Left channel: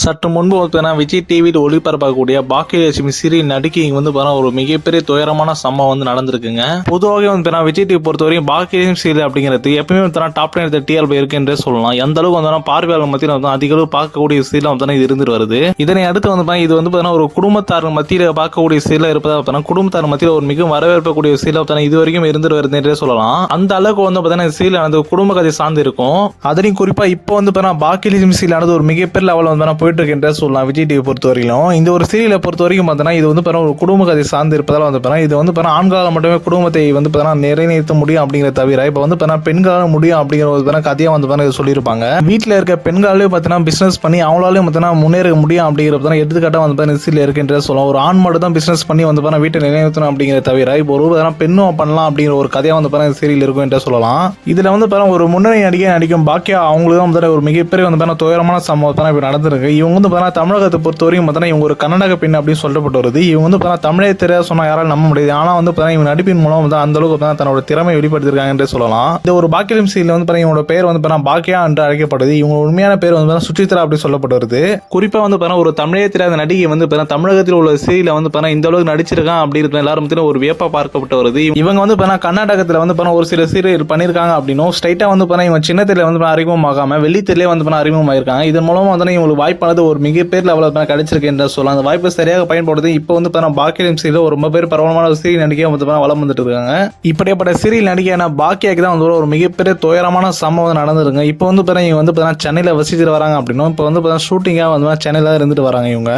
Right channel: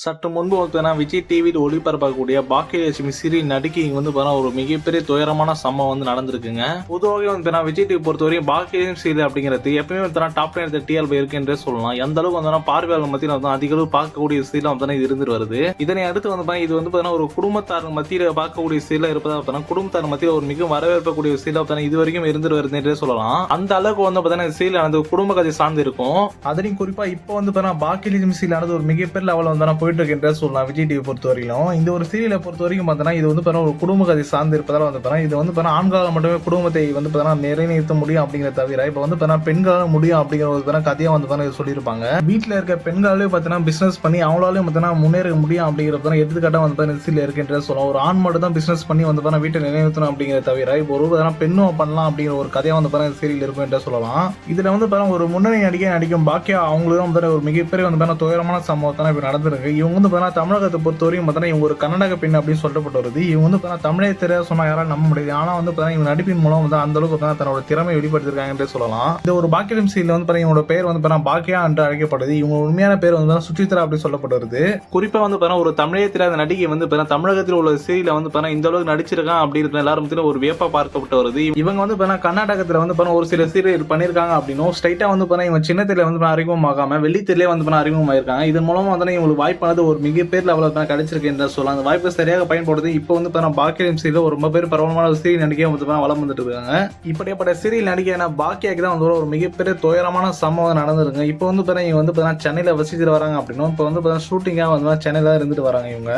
சற்று முன்பு பார்த்தீங்கன்னா விஜய் டிவியில் ஒளிபரப்பக்கூடிய பாக்கியலட்சுமி சீரியல் நடிகை இங்க வந்து பார்த்தீங்கன்னா ஒரு மிகப்பெரிய துயரமான சம்பவம் வந்து நடந்திருக்குங்க. பொதுவாக வந்து பார்த்தீங்கன்னா விஜய் டிவி பொறுத்தவரைக்கும் பாக்கியலட்சுமி சீரியல் அப்படிங்கிறது எப்பயுமே பார்த்தீங்கன்னா டாப் 10 டிஆர்பி இருக்குன்றே சொல்லலாம். எந்த அளவுக்கு வந்து பார்வையாளர் மத்தியில் வந்து அதிக அளவு பார்க்கக்கூடிய சீரியல் வந்து இது இருந்துட்டு வருது. இதனை அடுத்து வந்து இது வந்து பார்த்தீங்கன்னா ஒரு குடும்பத்தார் மத்தியில் பார்க்கக்கூடிய சீரியல் இருப்பதாக பார்த்தீங்கன்னா குடும்பத்தார் மத்தியில் ஒரு மிகவும் வரவேற்பக்கூடிய சீரியல் பார்த்தீங்கன்னா இது வரைக்கும் இருந்துட்டு வருதுன்றே சொல்லலாம். அந்த அளவுக்கு வந்து பார்த்தீங்கன்னா சீரியல் வந்து குடும்ப கதை சார்ந்து இருக்கும். அதுலயும் குறிப்பா இப்போ வந்து பார்த்தீங்கன்னா பாக்கியலட்சுமி சீரியல் ஒரு மிகப்பெரிய லெவலில் வந்து போயிட்டு இருக்குன்ற சொல்லலாம். விஜய் டிவி பொறுத்த வரைக்கும் இந்த ஒரு சீரியலை பொறுத்த வரைக்கும் பார்த்தீங்கன்னா இது வந்து ஒரு குடும்ப கதை சார்ந்து இருப்பதால் வந்து இது வந்து ஆண்களால் மட்டுமே குடும்பத்தை வந்து நிறைவேற்ற முடியும் அப்படிங்கிற தவிர இப்போ வந்து பெண்களால் முடியும் அப்படிங்கிற ஒரு கதையாக வந்து சொல்லியிருப்பாங்க. வீட்டில் இருக்க பெண்களாலே பார்த்தீங்கன்னா பிசினஸ் பண்ணி அவங்களாலே பார்த்தீங்கன்னா முன்னேற முடியும் அப்படிங்கிற எடுத்துக்காட்டாக வந்து சீரியல் இருக்குன்ற சொல்லலாம். ஒரு ஆண் மட்டும் தான் பிசினஸ் பண்ணி வந்து வீட்டை நிறைவேற்றணும் அப்படிங்கிற தவிர இப்போ ஒரு பெண்ணும் பண்ணலாம் அப்படிங்கிற ஒரு கதையாக வந்து சீரியல் இருக்கும் என்று சொல்லலாம். இதுல வந்து ஒரு முன்னணி நடிகை நடிக்கும் பாக்கியா அவங்களுக்கு தான் ஒரு மிகப்பெரிய வந்து துயரமான சம்பவம் இப்ப நடந்திருக்கு. இவங்க வந்து தமிழகத்தை பொறுத்தவரைக்கும் இவங்க ஒரு கர்நாடக பெண் அப்படின்னு சொல்லப்பட்டு வருது. இவங்க வந்து தமிழே தெரியாத சொன்னா யாராலும் நம்ப முடியாது. ஆனா வந்து இவங்க நடிப்பின் மூலம் வந்து அந்த அளவுக்கு தன்னோட திறமை வெளிப்படுத்திருக்காங்க என்று சொல்லலாம். இந்த ஒரு பாக்கியம் சீரியல் வந்து இவங்களோட பேர் வந்து பாக்கியா என்று அழைக்கப்படுது. இவங்க உண்மையான பேர் வந்து சுசித்ரா அப்படி சொல்லப்பட்டு வருது. குறிப்பா வந்து ஒரு தமிழே தெரியாத நடிகை வந்து தமிழகத்தில் உள்ள சீரியல வந்து இந்த அளவுக்கு நடிச்சிருக்கான் அப்படின்னு எல்லாரும் ஒரு வியப்பா பார்க்கப்பட்டு வருது. இவங்க வந்து கர்நாடகத்தில் வந்து ஒரு சில சீரியல் பண்ணிருக்காங்க அப்படின்னும் ஸ்ட்ரைட்டா வந்து இவங்க சின்னத்தில வந்து அறிமுகமாகாம வெள்ளித்திலே வந்து அறிமுகமாயிருக்காங்க. இதன் மூலமா வந்து இவங்களுக்கு வாய்ப்பானது ஒரு மிகப்பெரிய லெவலில் கிடைச்சிருக்கு என்று சொல்லலாம். அந்த வாய்ப்பை சரியாக பயன்படுத்தி இப்போ வந்து பாக்கியம் சீரியல் ஒரு ரொம்ப பேர் பரவலான சீரியல் நடிகை வந்து வளம் வந்துட்டு இருக்காங்க. இப்படிப்பட்ட சீரியல் நடிகையான பாக்கியாக்கு தான் வந்து ஒரு மிகப்பெரிய துயரமான சம்பவம் நடந்திருங்க. இப்போ வந்து இவங்க வந்து சென்னையில் வசிச்சுட்டு வராங்க அப்படின்னும் இப்போ வந்து ஷூட்டிங்காக வந்து சென்னையில இருந்துட்டு வராங்க. இவங்க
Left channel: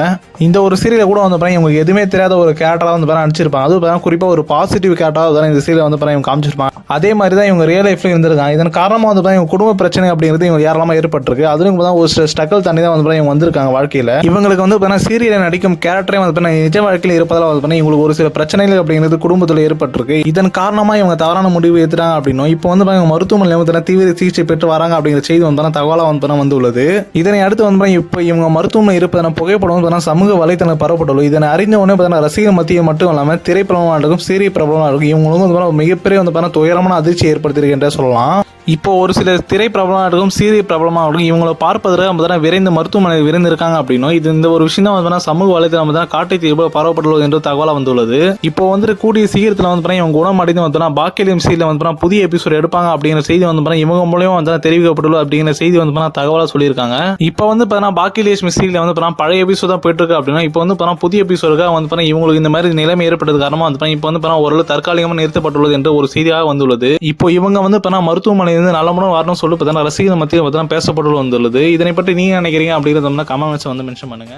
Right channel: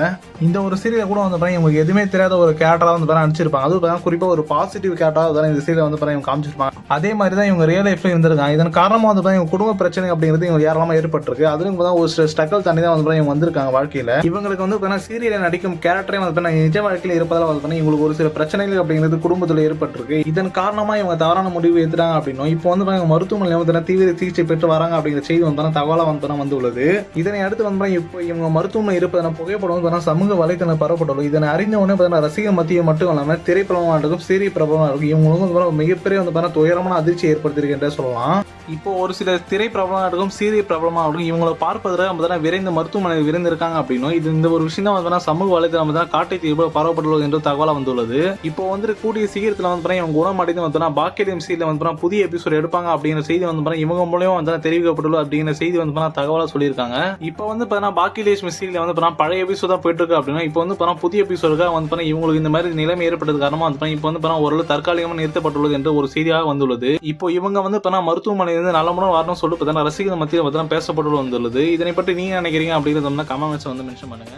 இந்த ஒரு சீரியலை கூட வந்து இவங்க எதுவுமே தெரியாத ஒரு கேரக்டராக வந்து நடிச்சிருப்பாங்க. அது குறிப்பா ஒரு பாசிட்டிவ் கேரக்டராக இந்த சீரியல் வந்து இவங்க காமிச்சிருப்பாங்க. அதே மாதிரி தான் இவங்க ரியல் லைஃப்ல இருந்திருக்காங்க. இதன் காரணமாக வந்து இவங்க குடும்ப பிரச்சனை அப்படிங்கிறது இவங்க யாரெல்லாம் ஏற்பட்டிருக்கு. அதுவும் ஒரு சில ஸ்ட்ரகிள் தண்ணி தான் வந்து இவங்க வந்திருக்காங்க வாழ்க்கையில. இவங்களுக்கு வந்து சீரியல் நடிக்கும் கேரக்டரே வந்து நிஜ வாழ்க்கையில் இருப்பதால் வந்து இவங்களுக்கு ஒரு சில பிரச்சனைகள் அப்படிங்கிறது குடும்பத்தில் ஏற்பட்டிருக்கு. இதன் காரணமாக இவங்க தவறான முடிவு எடுத்துட்டாங்க அப்படின்னும் இப்போ வந்து மருத்துவமனையில் வந்து தீவிர சிகிச்சை பெற்று வராங்க அப்படிங்கிற செய்தி வந்து தகவலாக வந்து உள்ளது. இதனை அடுத்து வந்து இப்போ இவங்க மருத்துவமனை இருப்பதான புகைப்படம் சமூக வலைத்தளம் பரவப்பட்டுள்ளது. இதனை அறிந்த உடனே ரசிகர் மத்திய மட்டும் இல்லாமல் திரைப்பிரபலமாக இருக்கும் சீரிய பிரபலமாக இருக்கும் இவங்களுக்கு வந்து மிகப்பெரிய வந்து துயரமான அதிர்ச்சி ஏற்படுத்தியிருக்கின்ற சொல்லலாம். இப்போ ஒரு சில திரை பிரபலமாக இருக்கும் சீரிய பிரபலமாக இருக்கும் இவங்களை பார்ப்பதற்கு நம்ம விரைந்து மருத்துவமனை விரைந்திருக்காங்க அப்படின்னும் இது இந்த ஒரு விஷயம் தான் வந்து சமூக வலைத்தளம் தான் காட்டி பரவப்பட்டுள்ளது என்று தகவலாக வந்துள்ளது. இப்போ வந்து கூடிய சீக்கிரத்தில் வந்து இவங்க குணமடைந்து வந்து பாக்கியம் சீரியல் வந்து புதிய எபிசோட் எடுப்பாங்க அப்படிங்கிற செய்தி வந்து இவங்க மூலமா வந்து தெரிவிக்கப்பட்டுள்ளது அப்படிங்கிற செய்தி வந்து தகவலாக சொல்லியிருக்காங்க. இப்போ வந்து பாக்கியலட்சுமி சீரியல் வந்து பழைய எபிசோட் தான் போயிட்டு இருக்கு அப்படின்னா இப்போ வந்து புதிய எபிசோடுக்காக வந்து இவங்களுக்கு இந்த மாதிரி நிலைமை ஏற்பட்டது காரணமாக வந்து இப்போ வந்து ஓரளவு தற்காலிகமாக நிறுத்தப்பட்டுள்ளது என்று ஒரு செய்தியாக வந்துள்ளது. இப்போ இவங்க வந்து மருத்துவமனை நல்லமுடன் வரணும் சொல்லி ரசிகர் மத்தியில் பேசப்பட்டு வந்துள்ளது. இதனை பற்றி நீங்க நினைக்கிறீங்க அப்படிங்கிறத கமெண்ட்ஸ் வந்து மென்ஷன் பண்ணுங்க.